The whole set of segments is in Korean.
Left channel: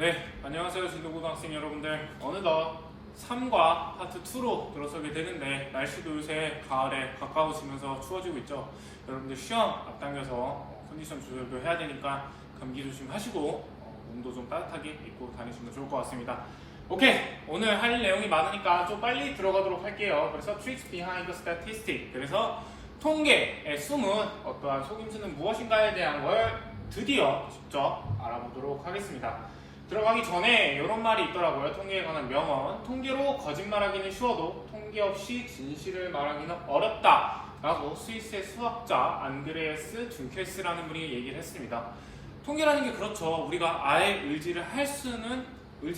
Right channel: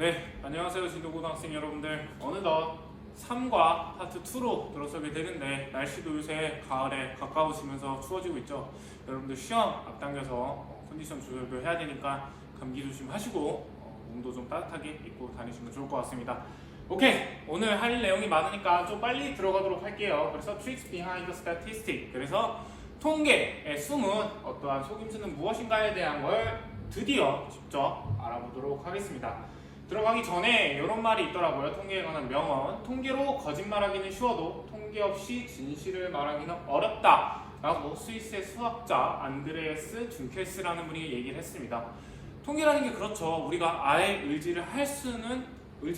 네, 안녕하세요. 지도고등학생 여러분들. 어느덧 3과 파트 2로 들어서게 되는데 날씨도 요새 가을에 가까워지면서 추워지고 있죠. 여러분들 시험 앞당겨서 컨디션 조절도 해야 되니까 감기 조심하시고 몸도 좀 따뜻하게 입고 다니시면 좋을 것 같습니다. 오케이, 오늘 할 내용이 많으니까 좀 빨리 들어가도록 할게요. 그래서 Tricks Behind Statistics, 그래서 통계의 숨은 어떠한 속임수는 무엇인가에 대한 걸 드디어 직접 알아보도록 하겠습니다. 들어가기 전에 이런 말이 있더라고요. 통계에 관한 명언. 통계로 거짓말하기는 쉬워도 통계 없이 진실을 말하기는 어렵다 라고 스위스의 수학자 안드레아스 둔켈스라는 분이 얘기를 했습니다. 통계라는 게 그렇죠. 우리가 아예 의지를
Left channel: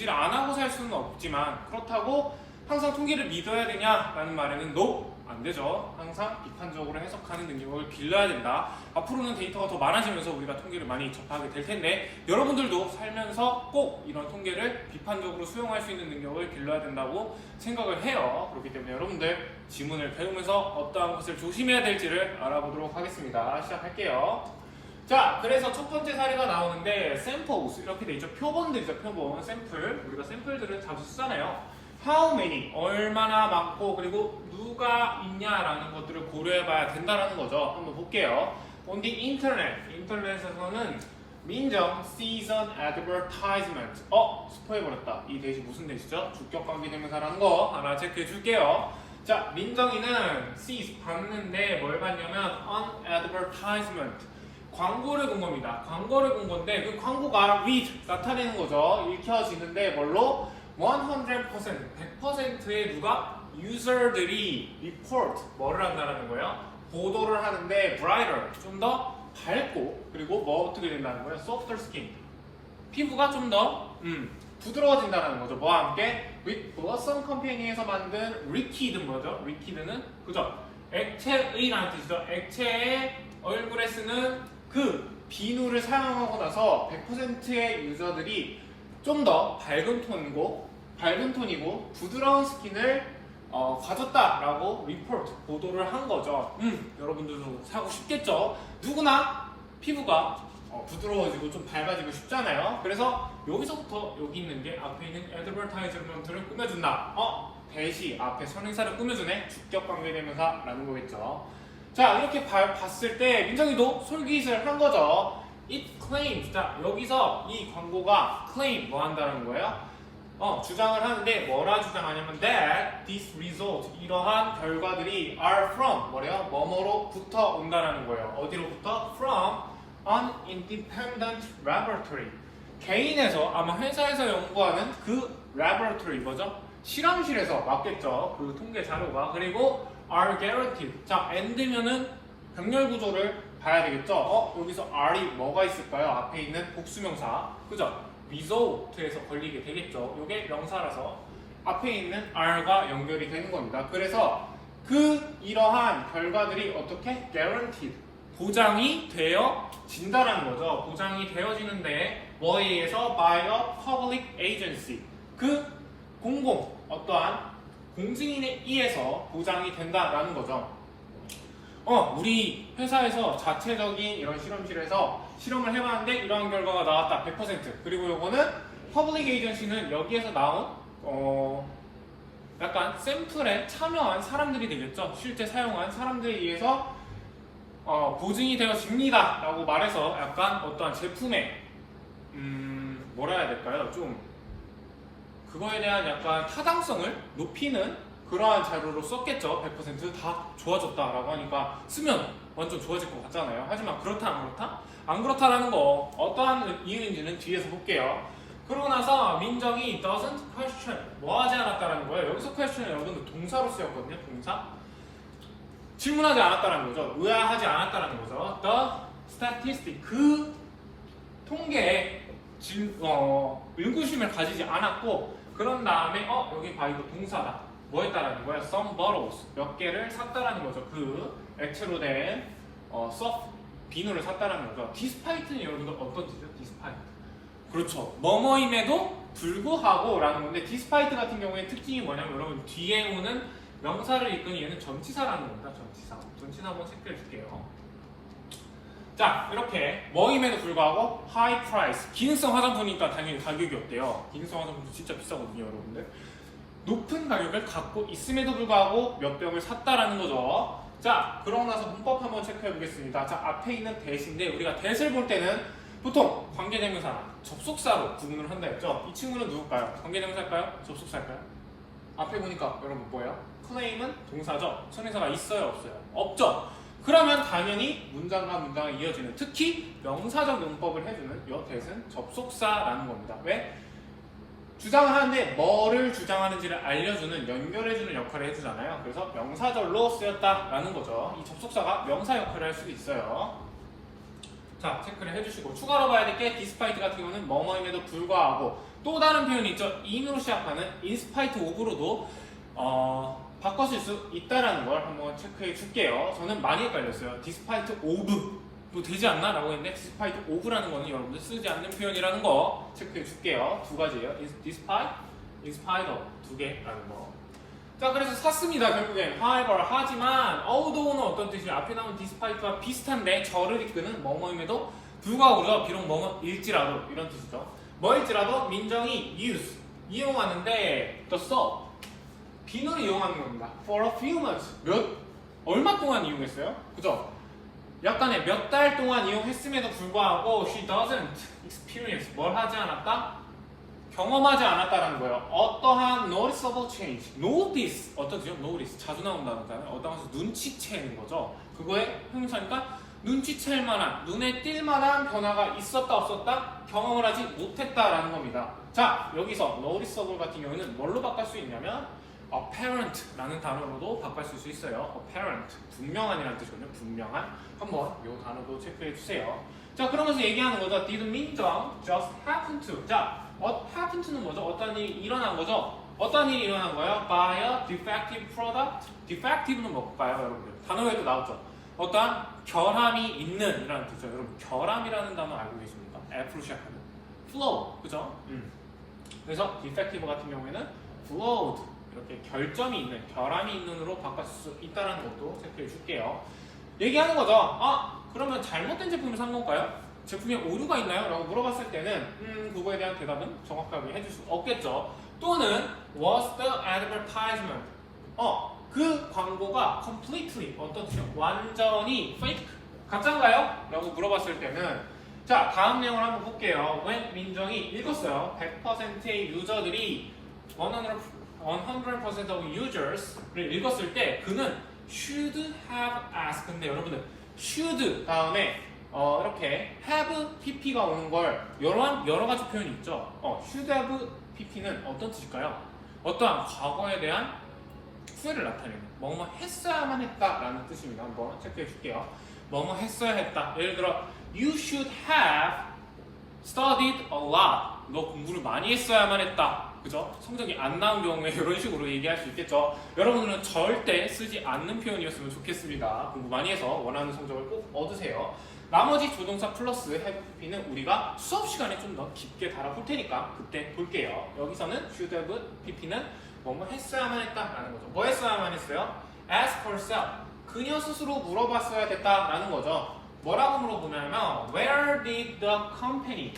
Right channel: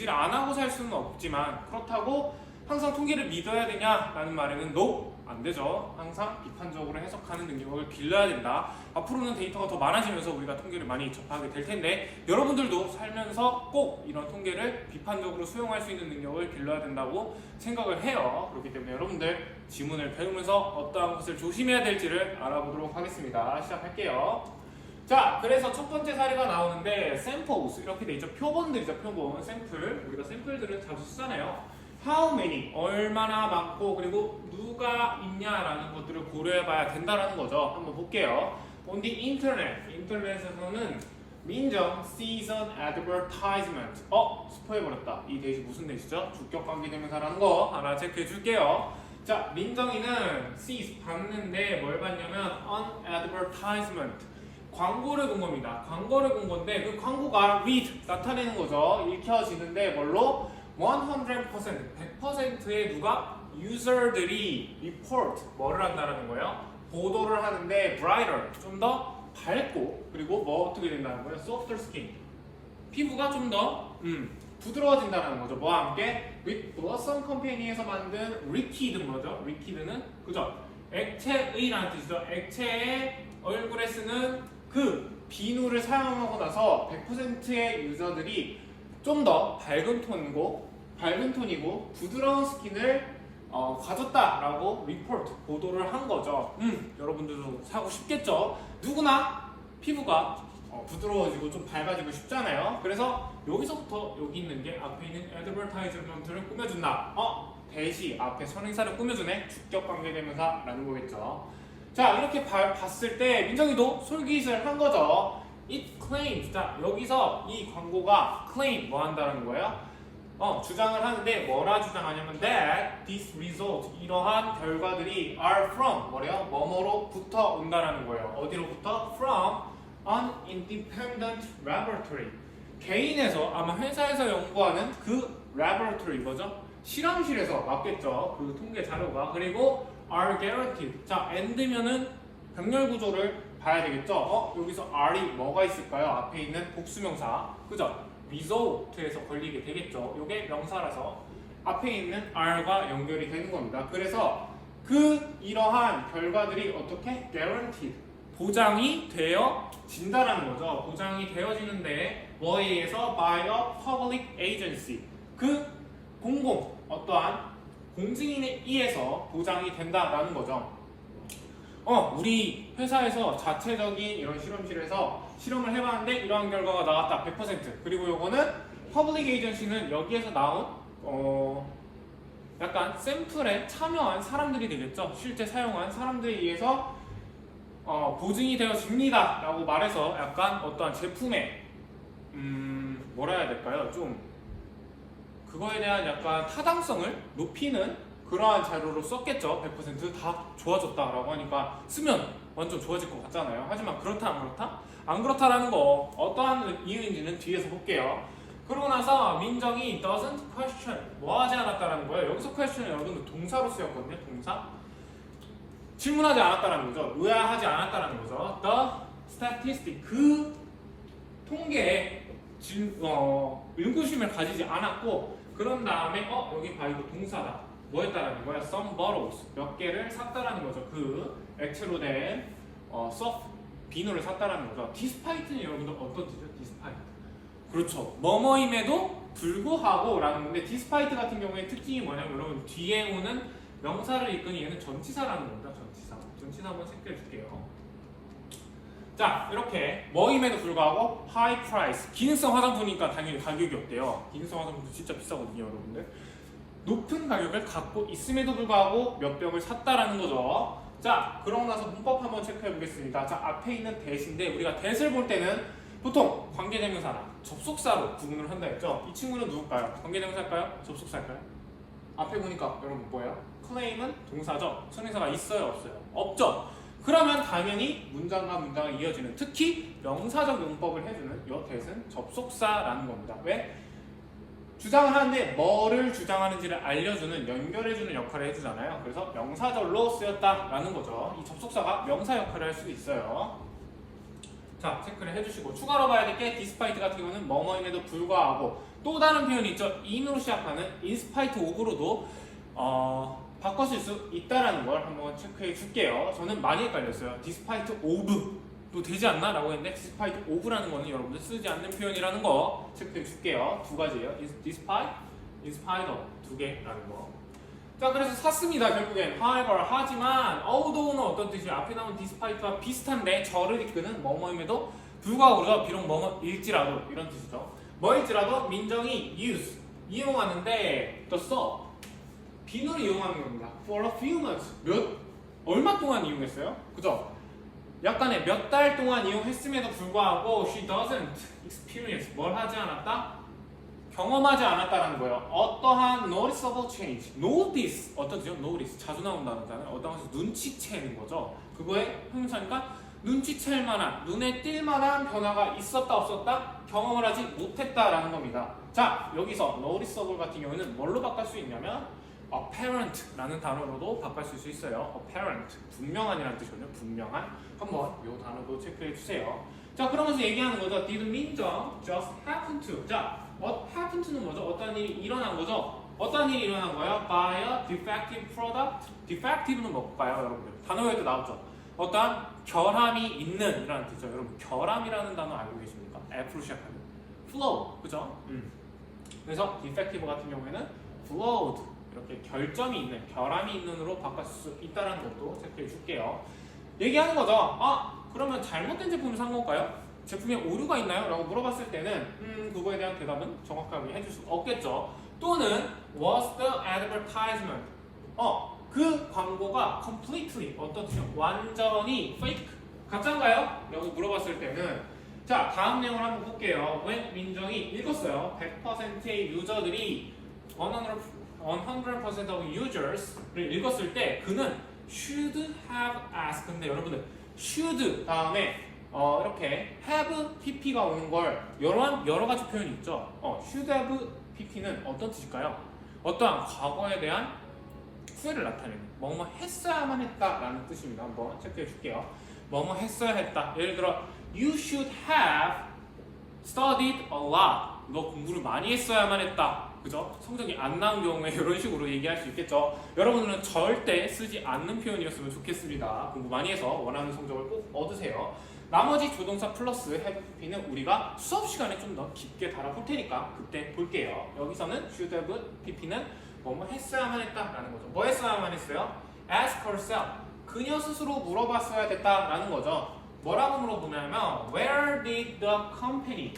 안 하고 살 수는 없지만, 그렇다고 항상 통계를 믿어야 되냐라는 말에는 no, 안 되죠. 항상 비판적으로 해석하는 능력을 길러야 된다. 앞으로는 데이터가 더 많아지면서 우리가 통계를 많이 접하게 될 텐데, 여러분들도 살면서 꼭 이런 통계를 비판적으로 수용할 수 있는 능력을 길러야 된다고 생각을 해요. 그렇기 때문에 여러분들 지문을 배우면서 어떠한 것을 조심해야 될지를 알아보도록 하겠습니다. 시작할게요. 자, 그래서 첫 번째 사례가 나오는데 samples, 이렇게 돼 있죠. 표본들이죠. 표본, 샘플. 우리가 샘플들은 자주 쓰잖아요. How many, 얼마나 많고, 그리고 누가 있냐라는 것들을 고려해봐야 된다는 거죠. 한번 볼게요. On the internet, 인터넷에서는 민정 season advertisement. 스포해버렸다. 이 대시 무슨 대시죠? 주격관계대명사라는 거 하나 체크해 줄게요. 자, 민정이는 sees, 봤는데 뭘 봤냐면 on advertisement, 광고를 본 겁니다. 광고를 본 건데 그 광고가 read, 나타내는 거죠. 읽혀지는데 뭘로? 100%의 누가? 유저들이 report, 뭐를 한다는 거예요? 보도를 하는데 brighter, 좀 더 밝고, 그리고 뭐 어떻게 된다는 거예요? softer skin, 피부가 좀 더 부드러워진다는 거죠. 뭐와 함께? with blossom 컴퍼니에서 만든 리퀴드, 뭐죠? 리퀴드는 그죠? 액체의라는 뜻이죠. 액체의 얼굴에 쓰는 그 비누를 사용하고 나서 100%의 유저들이 좀 더 밝은 톤이고 부드러운 스킨을 가졌다라고 리포트, 보도를 한 거죠. 여러분들도 사고 싶겠죠. 누구나 피부가 부드러워지고 좀 밝아지고 싶잖아요. 그래서 여기서부터 여기 있는 게 앞에 있는 애드버타이즈먼트를 꾸며준다. 대시 앞에 선행사를 꾸며주네. 주격관계대명사라는 거겠죠. 자, 이렇게 봤을 때 민정이도 솔깃을 한 거죠. It claims. 자, 여기서 이 광고가 claim, 뭐 한다는 거예요? 주장을 하는데 뭐라 주장하냐면 that this result, 이러한 결과들이 are from, 뭐래요? 뭐뭐로부터 온다라는 거예요. 어디로부터? From an independent laboratory. 개인에서, 아마 회사에서 연구하는 그 laboratory, 뭐죠? 실험실에서 맞겠죠. 그 통계 자료가. 그리고 are guaranteed. 자, and면은 병렬 구조를 봐야 되겠죠? 여기서 R이 뭐가 있을까요? 앞에 있는 복수명사. 그죠? result에서 걸리게 되겠죠. 이게 명사라서 앞에 있는 R과 연결이 되는 겁니다. 그래서 이러한 결과들이 어떻게? guaranteed. 보장이 되어진다는 거죠. 보장이 되어지는데 뭐에 의해서? by a public agency. 어떠한 공증인에 의해서 보장이 된다라는 거죠. 우리 회사에서 자체적인 이런 실험실에서 실험을 해봤는데 이러한 결과가 나왔다. 100%. 그리고 요거는 퍼블릭 에이전시는 여기에서 나온 약간 샘플에 참여한 사람들이 되겠죠. 실제 사용한 사람들에 의해서 보증이 되어집니다 라고 말해서 약간 어떠한 제품의 뭐라 해야 될까요? 좀 그거에 대한 약간 타당성을 높이는 그러한 자료로 썼겠죠. 100%다 좋아졌다라고 하니까 쓰면 완전 좋아질 것 같잖아요. 하지만 그렇다 안 그렇다? 안 그렇다라는 거 어떠한 이유인지는 뒤에서 볼게요. 그러고 나서 민정이 doesn't question, 뭐 하지 않았다라는 거예요. 여기서 question은 여러분들 동사로 쓰였거든요. 동사. 질문하지 않았다라는 거죠. 의아하지 않았다라는 거죠. The statistic, 그 통계에 의구심을 가지지 않았고, 그런 다음에 여기 봐, 이거 동사다. 뭐 했다라는 거야? Some bottles, 몇 개를 샀다라는 거죠. 그 액체로 된 soft 비누를 샀다라는 거죠. Despite는 여러분들 어떤 뜻이죠? Despite. 그렇죠. 뭐뭐임에도 불구하고 라는 건데, despite 같은 경우에 특징이 뭐냐면 여러분 뒤에 오는 명사를 이끄는 얘는 전치사라는 겁니다. 전치사 한번 체크해 줄게요. 자, 이렇게 뭐임에도 불구하고 high price, 기능성 화장품이니까 당연히 가격이 어때요? 기능성 화장품도 진짜 비싸거든요, 여러분들. 높은 가격을 갖고 있음에도 불구하고 몇 병을 샀다라는 거죠. 자, 그러고 나서 문법 한번 체크해 보겠습니다. 자, 앞에 있는 대신데 우리가 대를 볼 때는 보통 관계대명사나 접속사로 구분을 한다 했죠. 이 친구는 누굴까요? 관계대명사일까요? 접속사일까요? 앞에 보니까 여러분 뭐예요? claim은 동사죠. 선행사가 있어요, 없어요? 없죠. 그러면 당연히 문장과 문장을 이어주는, 특히 명사적 용법을 해주는 이 대은 접속사라는 겁니다. 왜? 주장을 하는데 뭐를 주장하는지를 알려주는, 연결해주는 역할을 해주잖아요. 그래서 명사절로 쓰였다라는 거죠. 이 접속사가 명사 역할을 할 수도 있어요. 자, 체크를 해주시고, 추가로 봐야 될 게 despite 같은 경우는 뭐뭐임에도 불구하고, 또 다른 표현이 있죠. in으로 시작하는 in spite of로도 바꿔 쓸 수 있다는 걸 한번 체크해 줄게요. 저는 많이 헷갈렸어요. despite of도 되지 않나? 라고 했는데 despite of라는 거는 여러분들 쓰지 않는 표현이라는 거 체크해 줄게요. 두 가지예요. despite, in spite of 두 개라는 거. 자, 그래서 샀습니다. 결국엔 however, 하지만 although는 어떤 뜻이에요? 앞에 나온 despite와 비슷한데 저를 이끄는 뭐뭐임에도 불구하고요. 비록 뭐뭐일지라도 이런 뜻이죠. 뭐일지라도 민정이 use, 이용하는데 the soap, 비누를 이용하는 겁니다. for a few months, 얼마 동안 이용했어요? 그죠? 약간의 몇 달 동안 이용했음에도 불구하고 she doesn't experience, 뭘 하지 않았다? 경험하지 않았다라는 거예요. 어떠한 noticeable change, notice, 어떤 뜻이요? notice, 자주 나오는 단어잖아요. 어떤 것을 눈치채는 거죠. 그거의 형용사니까 눈치챌 만한, 눈에 띌 만한 변화가 있었다 없었다? 경험을 하지 못했다라는 겁니다. 자, 여기서 noticeable 같은 경우는 뭘로 바꿀 수 있냐면 apparent라는 단어로도 바꿀 수 있어요. apparent, 분명한이라는 뜻이거든요. 분명한. 한번 이 단어도 체크해 주세요. 자, 그러면서 얘기하는 거죠. Did 민정 just happen to? 자, happen to는 뭐죠? 어떤 일이 일어난 거죠? 어떤 일이 일어난 거예요? By a defective product. defective는 뭘까요, 여러분들? 단어에도 나왔죠. 어떤 결함이 있는 이라는 뜻이죠. 여러분, 결함이라는 단어 알고 계십니까? F로 시작하는 flow, 그죠? 그래서 defective 같은 경우에는 flawed, 이렇게 결점이 있는, 결함이 있는으로 바꿀 수 있다는 것도 체크해 줄게요. 얘기하는 거죠. 아, 그러면 잘못된 제품을 산 건가요? 제품에 오류가 있나요? 라고 물어봤을 때는 그거에 대한 대답은 정확하게 해줄 수 없겠죠. 또는 was the advertisement, 그 광고가 completely, 어떤 뜻이요? 완전히 fake, 가짜인가요? 라고 물어봤을 때는, 자, 다음 내용을 한번 볼게요. when 민정이 읽었어요. 100%의 유저들이 100% of users를 읽었을 때 그는 should have asked. 근데 여러분들 should 다음에 이렇게 have pp가 오는 걸 여러 가지 표현이 있죠. should have pp는 어떤 뜻일까요? 어떠한 과거에 대한 후회를 나타내는, 뭐뭐 했어야만 했다라는 뜻입니다. 한번 체크해 줄게요. 뭐뭐 했어야 했다. 예를 들어 you should have studied a lot. 너 공부를 많이 했어야만 했다. 그죠? 성적이 안 나온 경우에 이런 식으로 얘기할 수 있겠죠. 여러분들은 절대 쓰지 않는 표현이었으면 좋겠습니다. 공부 많이 해서 원하는 성적을 꼭 얻으세요. 나머지 조동사 플러스 have pp는 우리가 수업 시간에 좀 더 깊게 다뤄볼 테니까 그때 볼게요. 여기서는 should have pp는 뭐뭐 했어야만 했다라는 거죠. 뭐 했어야만 했어요? ask herself. 그녀 스스로 물어봤어야 됐다라는 거죠. 뭐라고 물어보냐면 where did the company,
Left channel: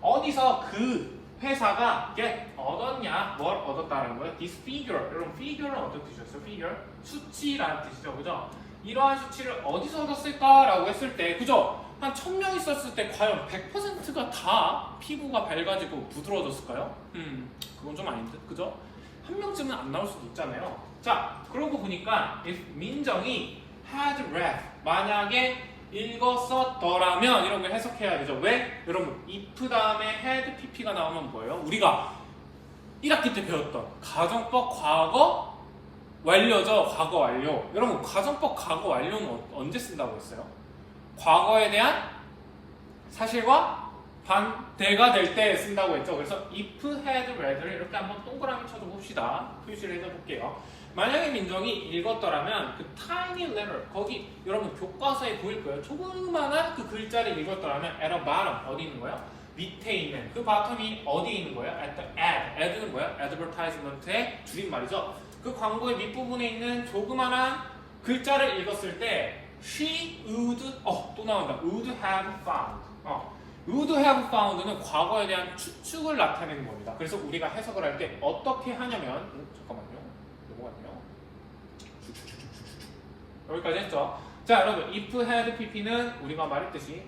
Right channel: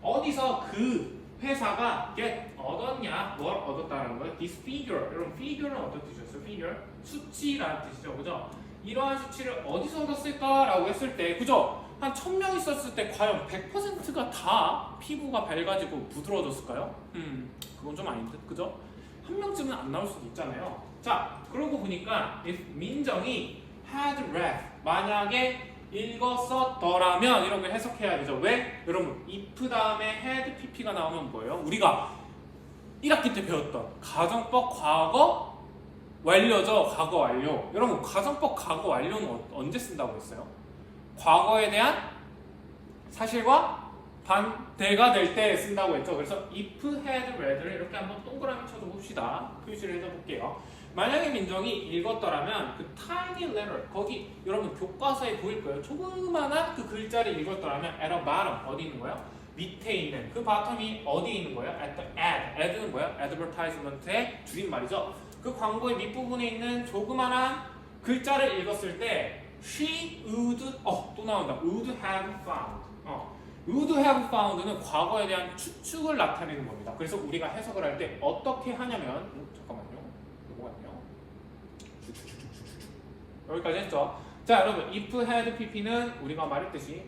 어디서 그 회사가 get, 얻었냐, 뭘 얻었다는 거예요? this figure. 여러분 figure는 어떤 뜻이었어요? figure? 수치라는 뜻이죠. 그죠? 이러한 수치를 어디서 얻었을까라고 했을 때, 그죠? 한 1000명 있었을 때 과연 100%가 다 피부가 밝아지고 부드러워졌을까요? 그건 좀 아닌데, 그죠? 한 명쯤은 안 나올 수도 있잖아요. 자, 그러고 보니까 if 민정이 had read, 만약에 읽었었더라면 이런 걸 해석해야 되죠. 왜? 여러분, if 다음에 had pp가 나오면 뭐예요? 우리가 1학기 때 배웠던 가정법 과거 완료죠. 과거 완료. 여러분, 가정법 과거 완료는 언제 쓴다고 했어요? 과거에 대한 사실과 반대가 될 때 쓴다고 했죠. 그래서 if had read를 이렇게 한번 동그라미 쳐줘 봅시다. 표시를 해볼게요. 만약에 민정이 읽었더라면 그 tiny letter, 거기 여러분 교과서에 보일 거예요. 조그마한 그 글자를 읽었더라면 at the bottom, 어디 있는 거예요? 밑에 있는 그 바텀이 어디 있는 거예요? at the ad. ad는 뭐예요? advertisement의 줄임말이죠. 그 광고의 밑부분에 있는 조그마한 글자를 읽었을 때 she would 또 나온다. would have found. would have found는 과거에 대한 추측을 나타내는 겁니다. 그래서 우리가 해석을 할 때 어떻게 하냐면 잠깐만요. 요거거든요. 여기까지 했죠. 자, 여러분 if had pp는 우리가 말했듯이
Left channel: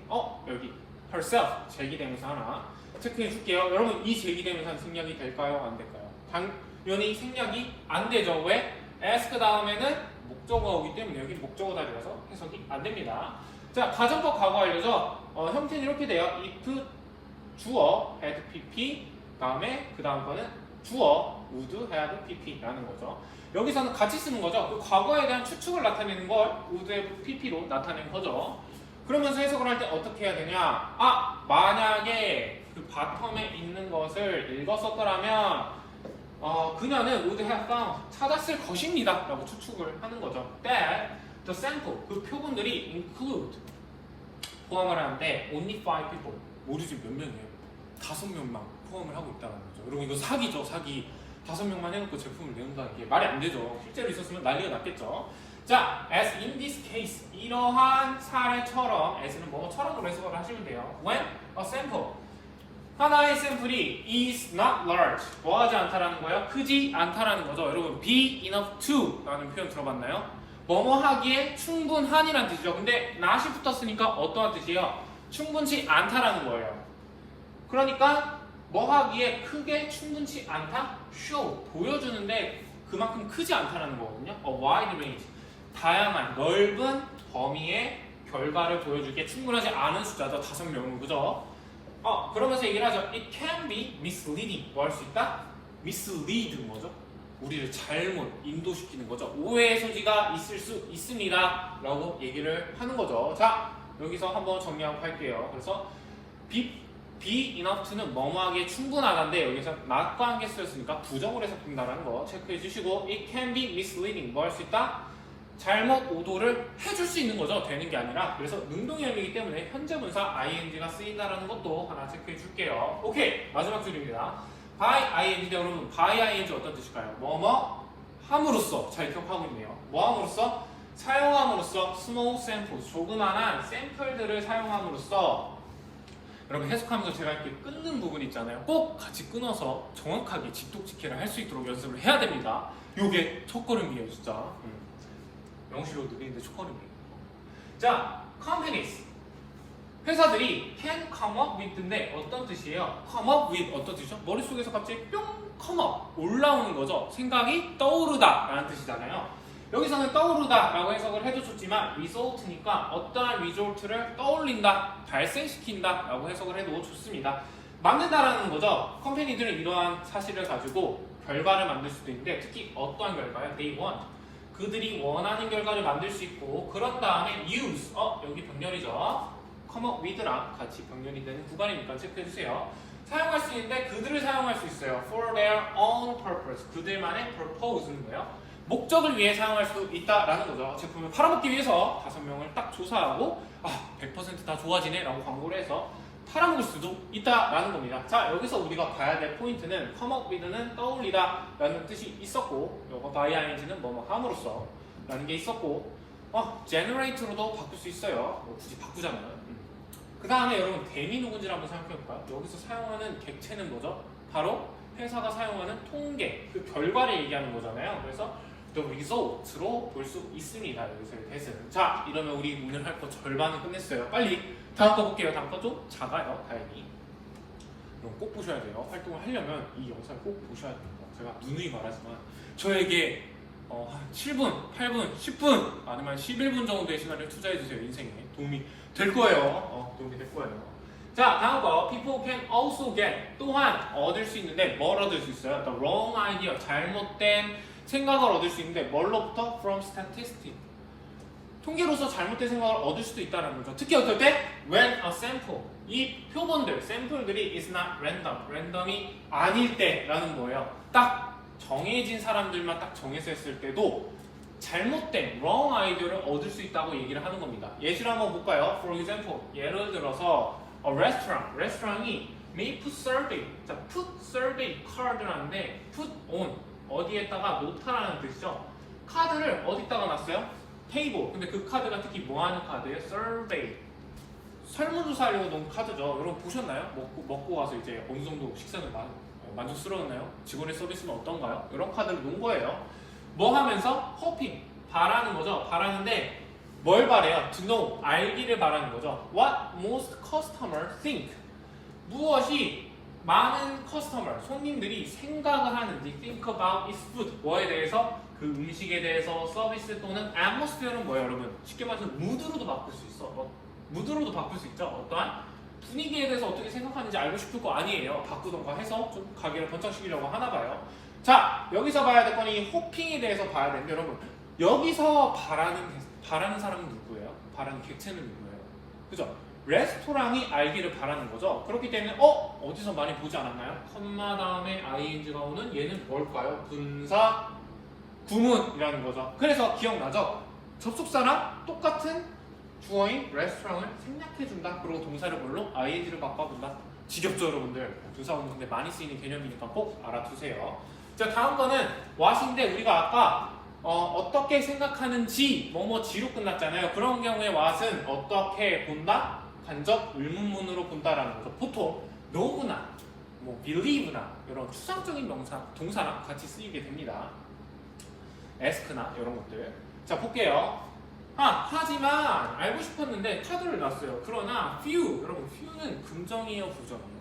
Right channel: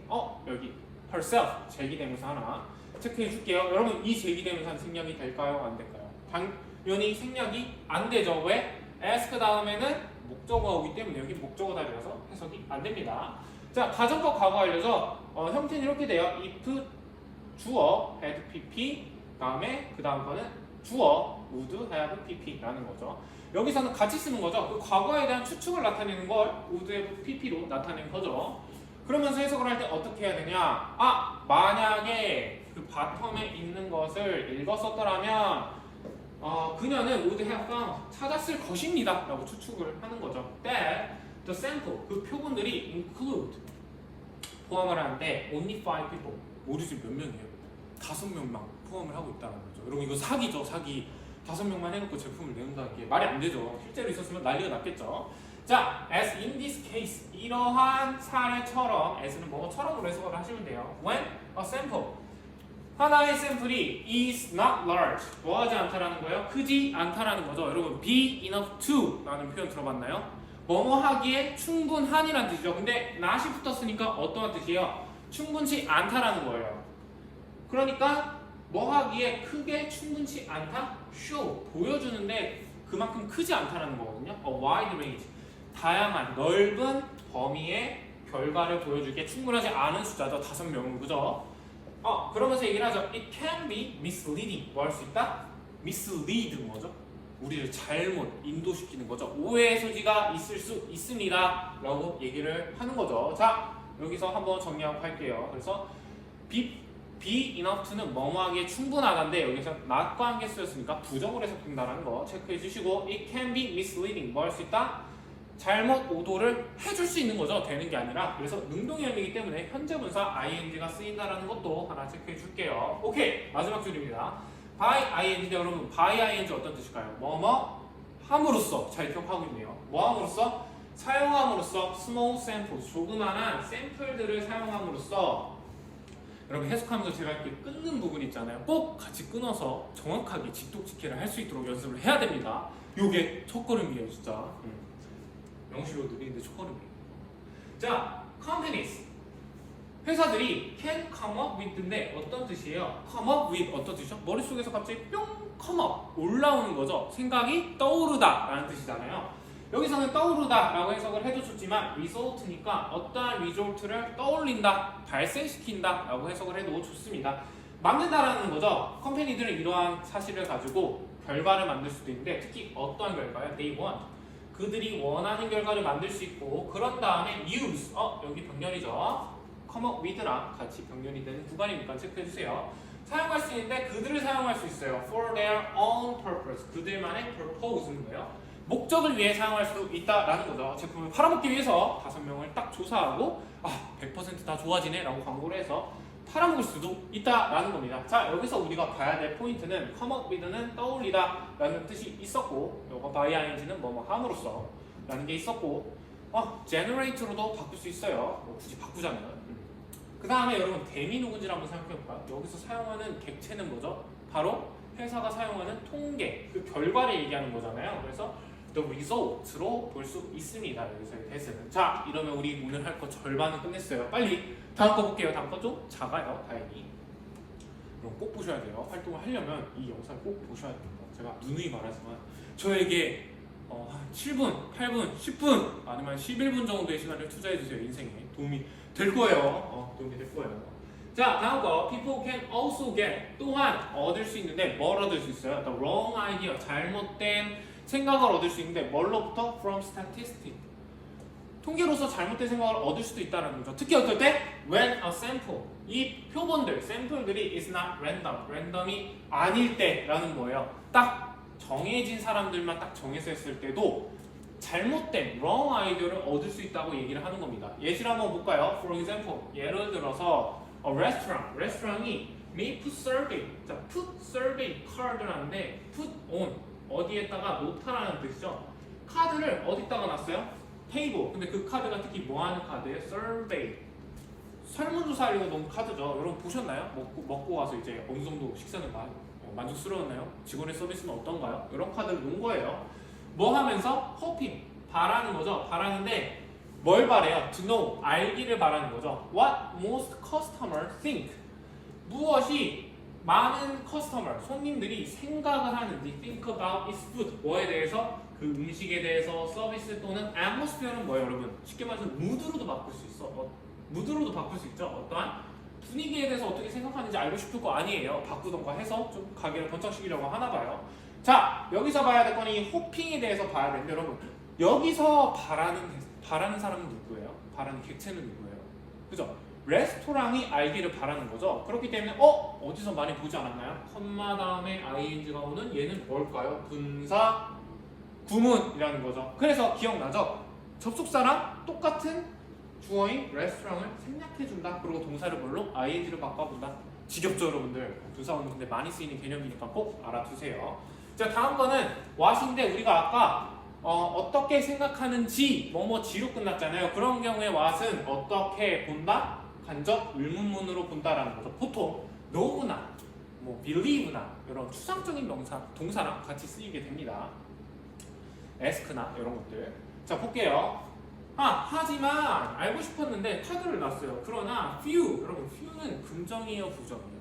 여기 herself 제기대명사 하나 체크해 줄게요. 여러분 이 제기대명사는 생략이 될까요? 안 될까요? 당연히 생략이 안 되죠. 왜? ask 다음에는 목적어이기 때문에 여기 목적어다 그래서 해석이 안 됩니다. 자, 가정법 과거 알려져. 형태는 이렇게 돼요. if 주어 had pp 다음에 그 다음 거는 주어 would have pp라는 거죠. 여기서는 같이 쓰는 거죠. 그 과거에 대한 추측을 나타내는 걸 would have pp로 나타낸 거죠. 그러면서 해석을 할 때 어떻게 해야 되냐? 만약에 그 바텀에 있는 것을 읽었었더라면 그녀는 would have found 찾았을 것입니다 라고 추측을 하는 거죠. that the sample 그 표본들이 include 포함을 하는데 only 5 people 모르지 몇 명이에요? 5명만 포함을 하고 있다는 거죠. 여러분 이거 사기죠. 사기. 5명만 해놓고 제품을 내는다는 게 말이 안 되죠. 실제로 있었으면 난리가 났겠죠. 자, as in this case 이러한 사례처럼 as는 뭐처럼으로 해석을 하시면 돼요. when a sample 하나의 샘플이 is not large 뭐하지 않다라는 거예요? 크지 않다라는 거죠. 여러분 be enough to 라는 표현 들어봤나요? 뭐뭐 하기에 충분한이라는 뜻이죠. 근데 not이 붙었으니까 어떠한 뜻이에요? 충분치 않다라는 거예요. 그러니까 뭐 하기에 크게 충분치 않다? show 보여주는데 그만큼 크지 않다라는 거거든요. a wide range 다양한 넓은 범위의 결과를 보여주기에 충분하지 않은 숫자죠. 5명은 그죠? 그러면서 얘기를 하죠. It can be misleading. 뭐 할 수 있다? mislead는 뭐죠? 우리를 잘못 인도시키는 거죠. 오해의 소지가 있을 수 있습니다. 라고 얘기를 하는 거죠. 자, 여기서 한번 정리하고 갈게요. 그래서 be enough to는 뭐뭐하기에 충분하다인데 여기서 not과 함께 쓰였으니까 부정을 해석된다는 거 체크해 주시고 it can be misleading. 뭐 할 수 있다? 잘못 오도를 해줄 수 있는 거죠. 되는 게 아니라. 그래서 능동형이기 때문에 현재분사 ing가 쓰인다는 것도 하나 체크해 줄게요. 오케이. 마지막 줄입니다. by ing 여러분 by ing 어떤 뜻일까요? 뭐뭐 함으로써 잘 기억하고 있네요. 뭐 함으로써? 사용함으로써 small samples 조그만한 샘플들을 사용함으로써 여러분 해석하면서 제가 이렇게 끊는 부분 있잖아요. 꼭 같이 끊어서 정확하게 집독지키를 할 수 있도록 연습을 해야 됩니다. 요게 첫걸음이에요 진짜. 명시로 느리는데 첫걸음이에요. 자, companies 회사들이 can come up with인데 어떤 뜻이에요? come up with 어떤 뜻이죠? 머릿속에서 갑자기 뿅 come up 올라오는 거죠. 생각이 떠오르다 라는 뜻이잖아요. 여기서는 떠오르다 라고 해석을 해줬지만 result니까 어떠한 result를 떠올린다, 발생시킨다 라고 해석을 해도 좋습니다. 만든다라는 거죠. 컴퍼니들은 이러한 사실을 가지고 결과를 만들 수도 있는데 특히 어떠한 결과요? They want 그들이 원하는 결과를 만들 수 있고 그런 다음에 use 여기 병렬이죠. come up with랑 같이 병렬이 되는 구간이니까 체크해주세요. 사용할 수 있는데 그들을 사용할 수 있어요. for their own purpose 그들만의 purpose는 뭐예요? 목적을 위해 사용할 수 있다라는 거죠. 제품을 팔아먹기 위해서 5명을 딱 조사하고 100% 다 좋아지네 라고 광고를 해서 팔아먹을 수도 있다라는 겁니다. 자, 여기서 우리가 봐야 될 포인트는 come up with는 떠올리다 라는 뜻이 있었고 요거 by ing는 뭐뭐 함으로써 라는 게 있었고 generate로도 바꿀 수 있어요. 굳이 바꾸자면 그 다음에 여러분 댐이 누군지를 한번 생각해볼까요? 여기서 사용하는 객체는 뭐죠? 바로 회사가 사용하는 통계, 그 결과를 얘기하는 거잖아요. 그래서 the result로 볼 수 있습니다. 여기서의 대세는. 자, 이러면 우리 오늘 할 거 절반은 끝냈어요. 빨리 다음 거 볼게요. 다음 거 좀 작아요. 다행히. 이건 꼭 보셔야 돼요. 활동을 하려면 이 영상을 꼭 보셔야 됩니다. 제가 누누이 말하지만 저에게 한 7분, 8분, 10분 아니면 11분 정도의 시간을 투자해주세요. 인생에 도움이 될 거예요. 도움이 될 거예요. 자, 다음 거 people can also get 또한 얻을 수 있는데 뭘 얻을 수 있어요? The wrong idea 잘못된 생각을 얻을 수 있는데 뭘로부터? From statistics 통계로서 잘못된 생각을 얻을 수도 있다는 거죠. 특히 어떨 때? When a sample 이 표본들, 샘플들이 is not random 랜덤이 아닐 때라는 거예요. 딱 정해진 사람들만 딱 정해서 했을 때도 잘못된 wrong 아이디어를 얻을 수 있다고 얘기를 하는 겁니다. 예시를 한번 볼까요? For example 예를 들어서 a restaurant이 may put survey 자, put survey card라는데 put on 어디에다가 놓다라는 뜻이죠. 카드를 어디다가 놨어요? 테이블. 근데 그 카드가 특히 뭐 하는 카드예요? survey. 설문조사를 놓은 카드죠. 여러분 보셨나요? 먹고 와서 이제 어느 정도 식사는 만족스러웠나요? 직원의 서비스는 어떤가요? 이런 카드를 놓은 거예요. 뭐 하면서? hoping. 바라는 거죠. 바라는데 뭘 바래요? To know. 알기를 바라는 거죠. What most customers think. 무엇이 많은 커스터머, 손님들이 생각을 하는 they think about its food. 뭐에 대해서? 그 음식에 대해서 서비스 또는 atmosphere는 뭐예요, 여러분? 쉽게 말해서 무드로도 바꿀 수 있어. 무드로도 바꿀 수 있죠. 어떠한 분위기에 대해서 어떻게 생각하는지 알고 싶을 거 아니에요. 바꾸던가 해서 좀 가게를 번창시키려고 하나 봐요. 자, 여기서 봐야 될 거니 호핑에 대해서 봐야 되는데 여러분 여기서 바라는 사람은 누구예요? 바라는 객체는 누구예요? 그죠? 레스토랑이 알기를 바라는 거죠. 그렇기 때문에 어디서 많이 보지 않았나요? 컴마 다음에 ing가 오는 얘는 뭘까요? 분사 구문이라는 거죠. 그래서 기억나죠? 접속사랑 똑같은 주어인 레스토랑을 생략해준다. 그리고 동사를 뭘로? ing를 바꿔본다. 지겹죠 여러분들? 분사 구문 근데 많이 쓰이는 개념이니까 꼭 알아두세요. 자, 다음 거는 what인데 우리가 아까 어떻게 생각하는지 뭐지로 끝났잖아요. 그런 경우에 what은 어떻게 본다? 간접 의문문으로 본다라는 거죠. 보통 know나 believe나 이런 추상적인 명사, 동사랑 같이 쓰이게 됩니다. ask나 이런 것들. 자, 볼게요. 하지만 알고 싶었는데 카드를 놨어요. 그러나 few, 여러분 few는 긍정이에요, 부정이에요?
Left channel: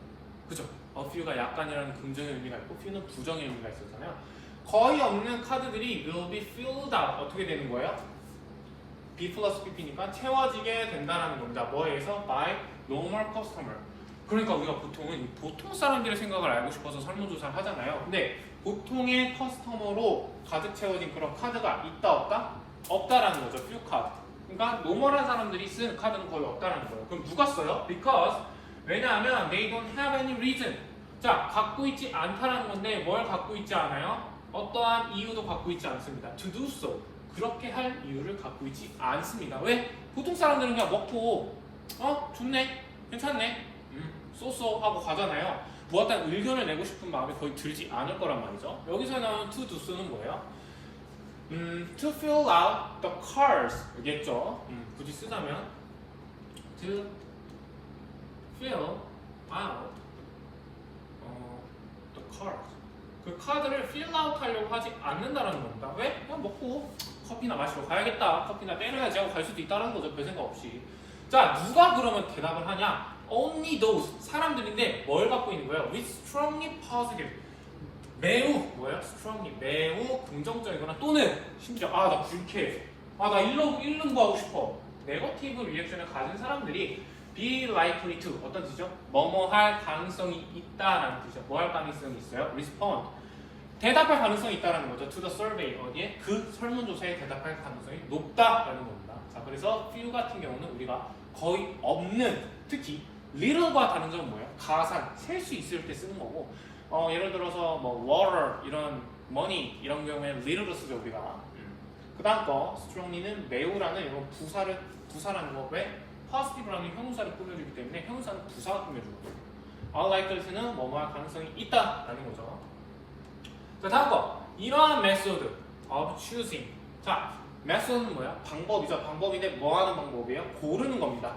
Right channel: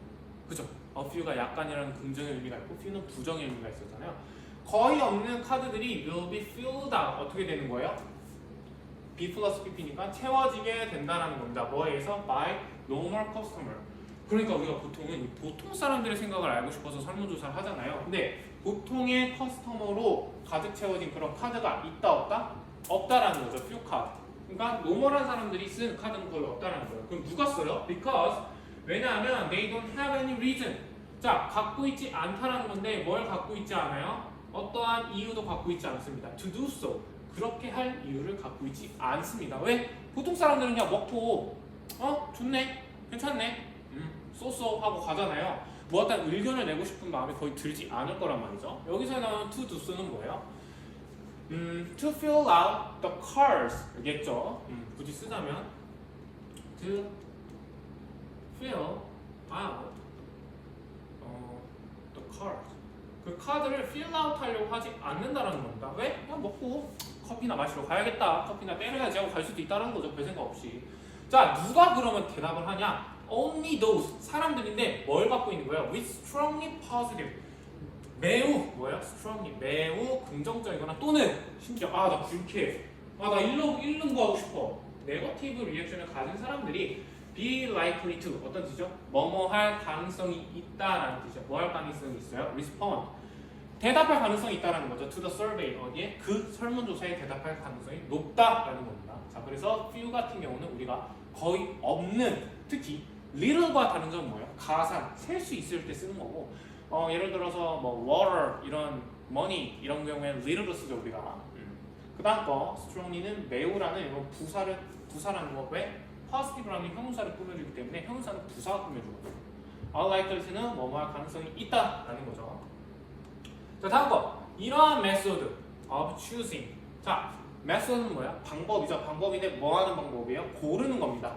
그죠? few가 약간이라는 긍정의 의미가 있고 few는 부정의 의미가 있었잖아요. 거의 없는 카드들이 will be filled out. 어떻게 되는 거예요? B 플러스 PP니까 채워지게 된다는 겁니다. 뭐에서? by normal customer. 그러니까 우리가 보통은 보통 사람들의 생각을 알고 싶어서 설문조사를 하잖아요. 근데 보통의 커스터머로 가득 채워진 그런 카드가 있다 없다? 없다라는 거죠. few 카드. 그러니까 노멀한 사람들이 쓴 카드는 거의 없다라는 거예요. 그럼 누가 써요? because 왜냐하면 they don't have any reason. 자, 갖고 있지 않다라는 건데 뭘 갖고 있지 않아요? 어떠한 이유도 갖고 있지 않습니다. to do so. 그렇게 할 이유를 갖고 있지 않습니다. 왜? 보통 사람들은 그냥 먹고 좋네, 괜찮네, 쏘쏘 하고 가잖아요. 뭐 어떤 의견을 내고 싶은 마음이 거의 들지 않을 거란 말이죠. 여기서 나오는 to do so는 뭐예요? to fill out the cars 겠죠. 굳이 쓰자면 to fill out the cars. 그 카드를 fill out 하려고 하지 않는다라는 겁니다. 왜? 그냥 먹고 커피나 마시러 가야겠다, 커피나 때려야지 하고 갈 수도 있다는 거죠. 별 생각 없이. 자, 누가 그러면 대답을 하냐? Only those 사람들인데 뭘 갖고 있는 거예요? With strongly positive. 매우 뭐예요? strongly 매우 긍정적이거나 또는 심지어 나 불쾌해, 나 일른 거 하고 싶어. 네거티브 리액션을 가진 사람들이 be likely to 어떤 뜻이죠? 뭐뭐 할 가능성이 있다라는 뜻이죠. 뭐 할 가능성이 있어요? respond 대답할 가능성이 있다라는 거죠. to the survey 어디에? 그 설문조사에 대답할 가능성이 높다라는 겁니다. 자, 그래서 few 같은 경우는 우리가 거의 없는, 특히 little과 다른 점은 뭐예요? 가산, 셀 수 있을 때 쓰는 거고 예를 들어서 water 이런 money 이런 경우에 little로 쓰죠 우리가. 그 다음 거 strongly는 매우라는 이런 부사라는 거. 왜? positive라는 형용사를 꾸며주기 때문에 형용사는 부사가 꾸며주거든요. unlikely는 뭐뭐 할 가능성이 있다라는 거죠. 자, 다음 거. 이러한 method of choosing. 자, method는 뭐야? 방법이죠. 방법인데 뭐 하는 방법이에요? 고르는 겁니다.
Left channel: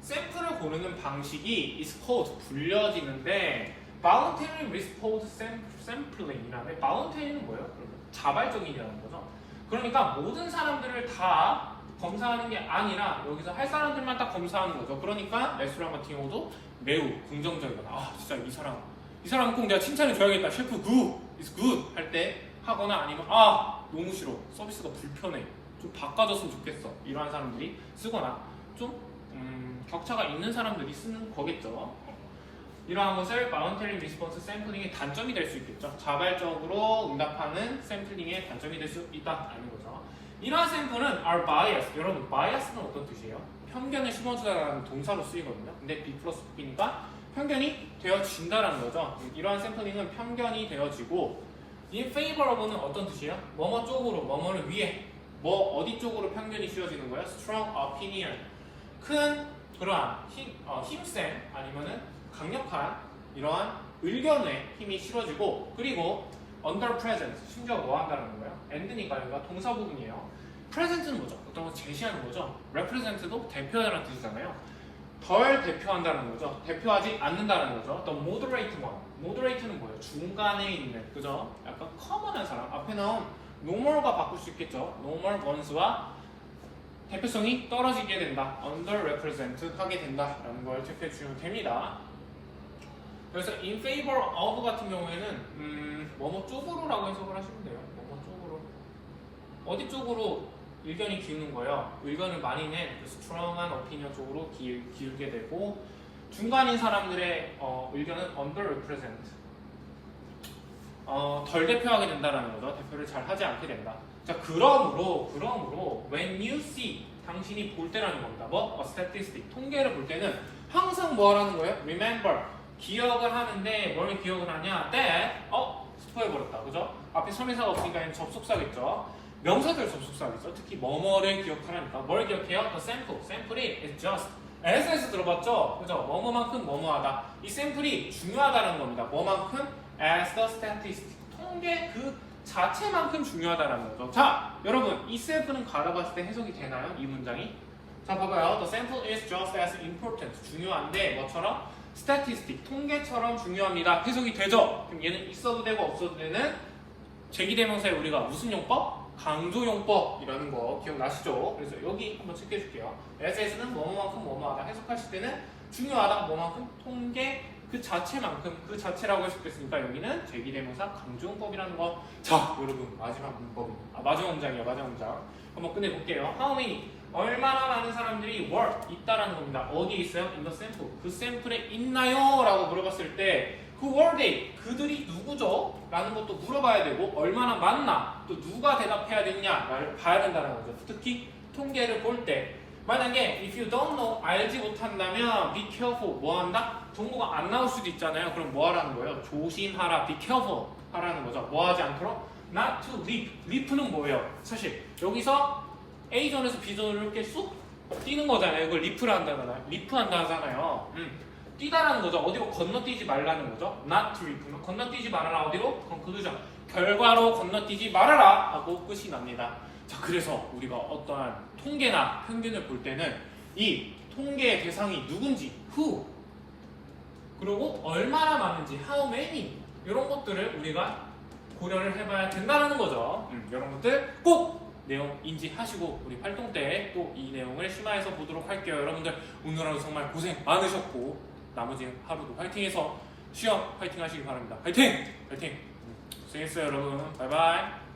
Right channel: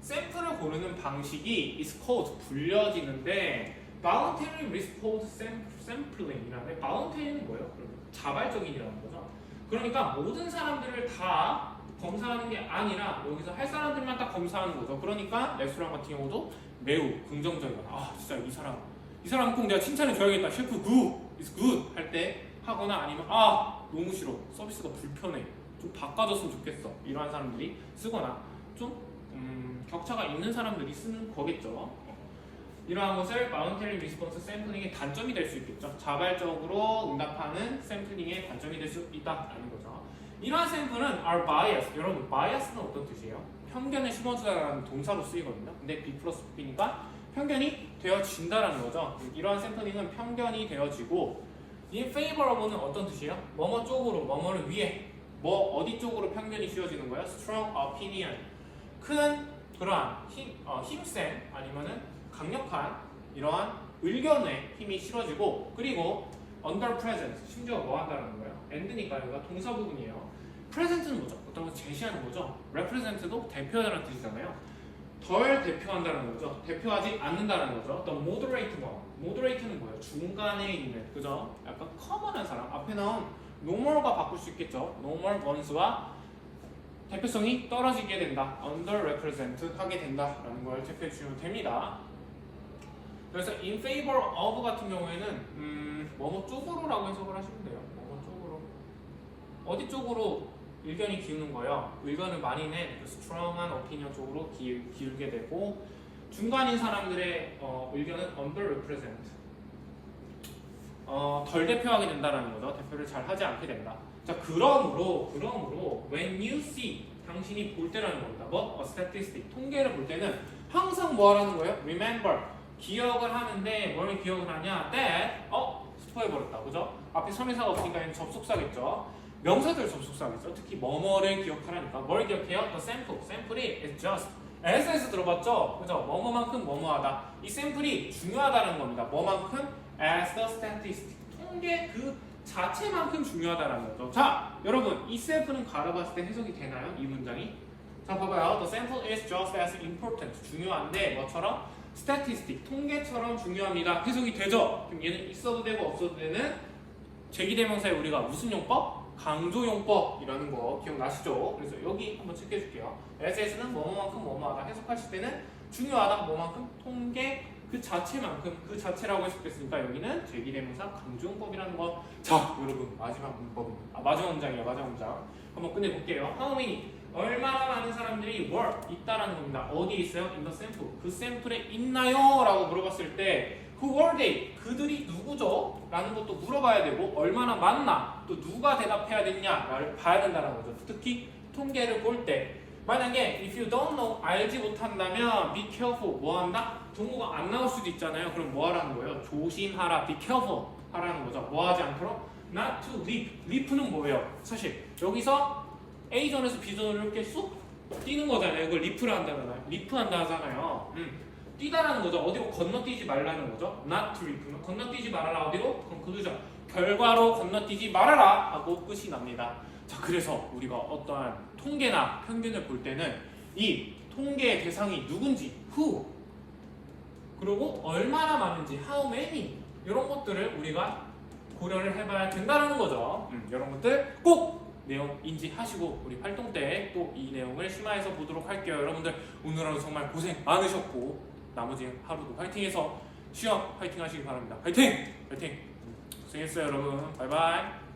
샘플을 고르는 방식이 is called 불려지는데 voluntary response sampling이라는 voluntary는 뭐예요? 자발적인이라는 거죠. 그러니까 모든 사람들을 다 검사하는 게 아니라 여기서 할 사람들만 딱 검사하는 거죠. 그러니까 레스토랑 같은 경우도 매우 긍정적이거나 진짜 이 사람 꼭 내가 칭찬해 줘야겠다. 셰프 good, is good 할 때 하거나 아니면 너무 싫어, 서비스가 불편해, 좀 바꿔줬으면 좋겠어 이러한 사람들이 쓰거나 좀 격차가 있는 사람들이 쓰는 거겠죠. 이러한 것을 voluntary response sampling의 단점이 될 수 있겠죠. 자발적으로 응답하는 샘플링의 단점이 될 수 있다는 거죠. 이러한 샘플은 are biased. 여러분, bias는 어떤 뜻이에요? 편견을 심어주다라는 동사로 쓰이거든요. 근데 B 플러스 B니까 편견이 되어진다라는 거죠. 이러한 샘플링은 편견이 되어지고 in favor of는 어떤 뜻이에요? 뭐뭐 쪽으로, 뭐뭐를 위해, 어디 쪽으로 편견이 씌워지는 거예요? strong opinion. 큰 그러한 힘센 아니면은 강력한 이러한 의견에 힘이 실어지고, 그리고 under present 심지어 뭐 한다는 거예요? and니까 여기가 동사 부분이에요. present는 뭐죠? 어떤 걸 제시하는 거죠. represent도 대표하는 뜻이잖아요. 덜 대표한다는 거죠. 대표하지 않는다는 거죠. 또 moderate one. moderate는 뭐예요? 중간에 있는, 그죠? 약간 커먼한 사람. 앞에 나온 normal과 바꿀 수 있겠죠. normal ones와 대표성이 떨어지게 된다. underrepresent 하게 된다라는 걸 체크해 주시면 됩니다. 그래서 in favor of 같은 경우에는 뭐뭐 쪽으로라고 해석을 하시면 돼요. 뭐뭐 쪽으로. 어디 쪽으로 의견이 기우는 거예요. 의견을 많이 낸 strong한 opinion 쪽으로 기울게 되고, 중간인 사람들의 의견은 underrepresent, 덜 대표하게 된다는 거죠. 대표를 잘 하지 않게 된다. 자, 그러므로 when you see, 당신이 볼 때라는 겁니다. 뭐? a statistic, 통계를 볼 때는 항상 뭐 하라는 거예요? remember, 기억을 하는데 뭘 기억을 하냐? that, 스포해버렸다. 그죠? 앞에 설명사가 없으니까 접속사겠죠. 명사들 접속사겠죠. 특히 뭐뭐를 기억하라니까. 뭘 기억해요? The sample. 샘플이 is just. S에서 들어봤죠? 그죠? 뭐뭐만큼 뭐뭐하다. 이 샘플이 중요하다는 겁니다. 뭐만큼? As the statistic. 통계 그 자체만큼 중요하다는 거죠. 자, 여러분, 이 샘플은 갈아봤을 때 해석이 되나요? 이 문장이? 자, 봐봐요. The sample is just as important. 중요한데 뭐처럼? statistic. 통계처럼 중요합니다. 해석이 되죠? 그럼 얘는 있어도 되고 없어도 되는 제기대명사에 우리가 무슨 용법? 강조용법이라는 거 기억나시죠? 그래서 여기 한번 체크해줄게요. SS는 뭐만큼 뭐뭐하다 해석하실 때는 중요하다 뭐만큼 통계 그 자체만큼 그 자체라고 해석했으니까 여기는 제기대명사 강조용법이라는 거. 자, 여러분 마지막 문법입니다. 마지막 문장이에요. 마지막 문장 한번 끝내볼게요. How many? 얼마나 많은 사람들이 were 있다라는 겁니다. 어디에 있어요? In the sample. 그 샘플에 있나요? 라고 물어봤을 때 Who were they? 그들이 누구죠? 라는 것도 물어봐야 되고 얼마나 많나? 또 누가 대답해야 되느냐를 봐야 된다는 거죠. 특히 통계를 볼 때 만약에 if you don't know, 알지 못한다면 be careful, 뭐 한다? 동구가 안 나올 수도 있잖아요. 그럼 뭐 하라는 거예요? 조심하라, be careful 하라는 거죠. 뭐 하지 않도록? not to leap. leap는 뭐예요? 사실 여기서 A존에서 B존으로 이렇게 쑥 뛰는 거잖아요. 이걸 leap를 한다잖아요. leap 한다잖아요. 뛰다라는 거죠. 어디로 건너뛰지 말라는 거죠. not to leap는 건너뛰지 말아라. 어디로? conclusion. 결과로 건너뛰지 말아라 하고 끝이 납니다. 자, 그래서 우리가 어떠한 통계나 평균을 볼 때는 이 통계의 대상이 누군지 who, 그리고 얼마나 많은지 how many, 이런 것들을 우리가 고려를 해봐야 된다는 거죠. 이런 것들 꼭 내용 인지하시고 우리 활동 때 또 이 내용을 심화해서 보도록 할게요. 여러분들 오늘 하루 정말 고생 많으셨고 나머지 하루도 화이팅해서 시험 화이팅 하시기 바랍니다. 화이팅! 화이팅! 고생했어요 여러분. 바이바이.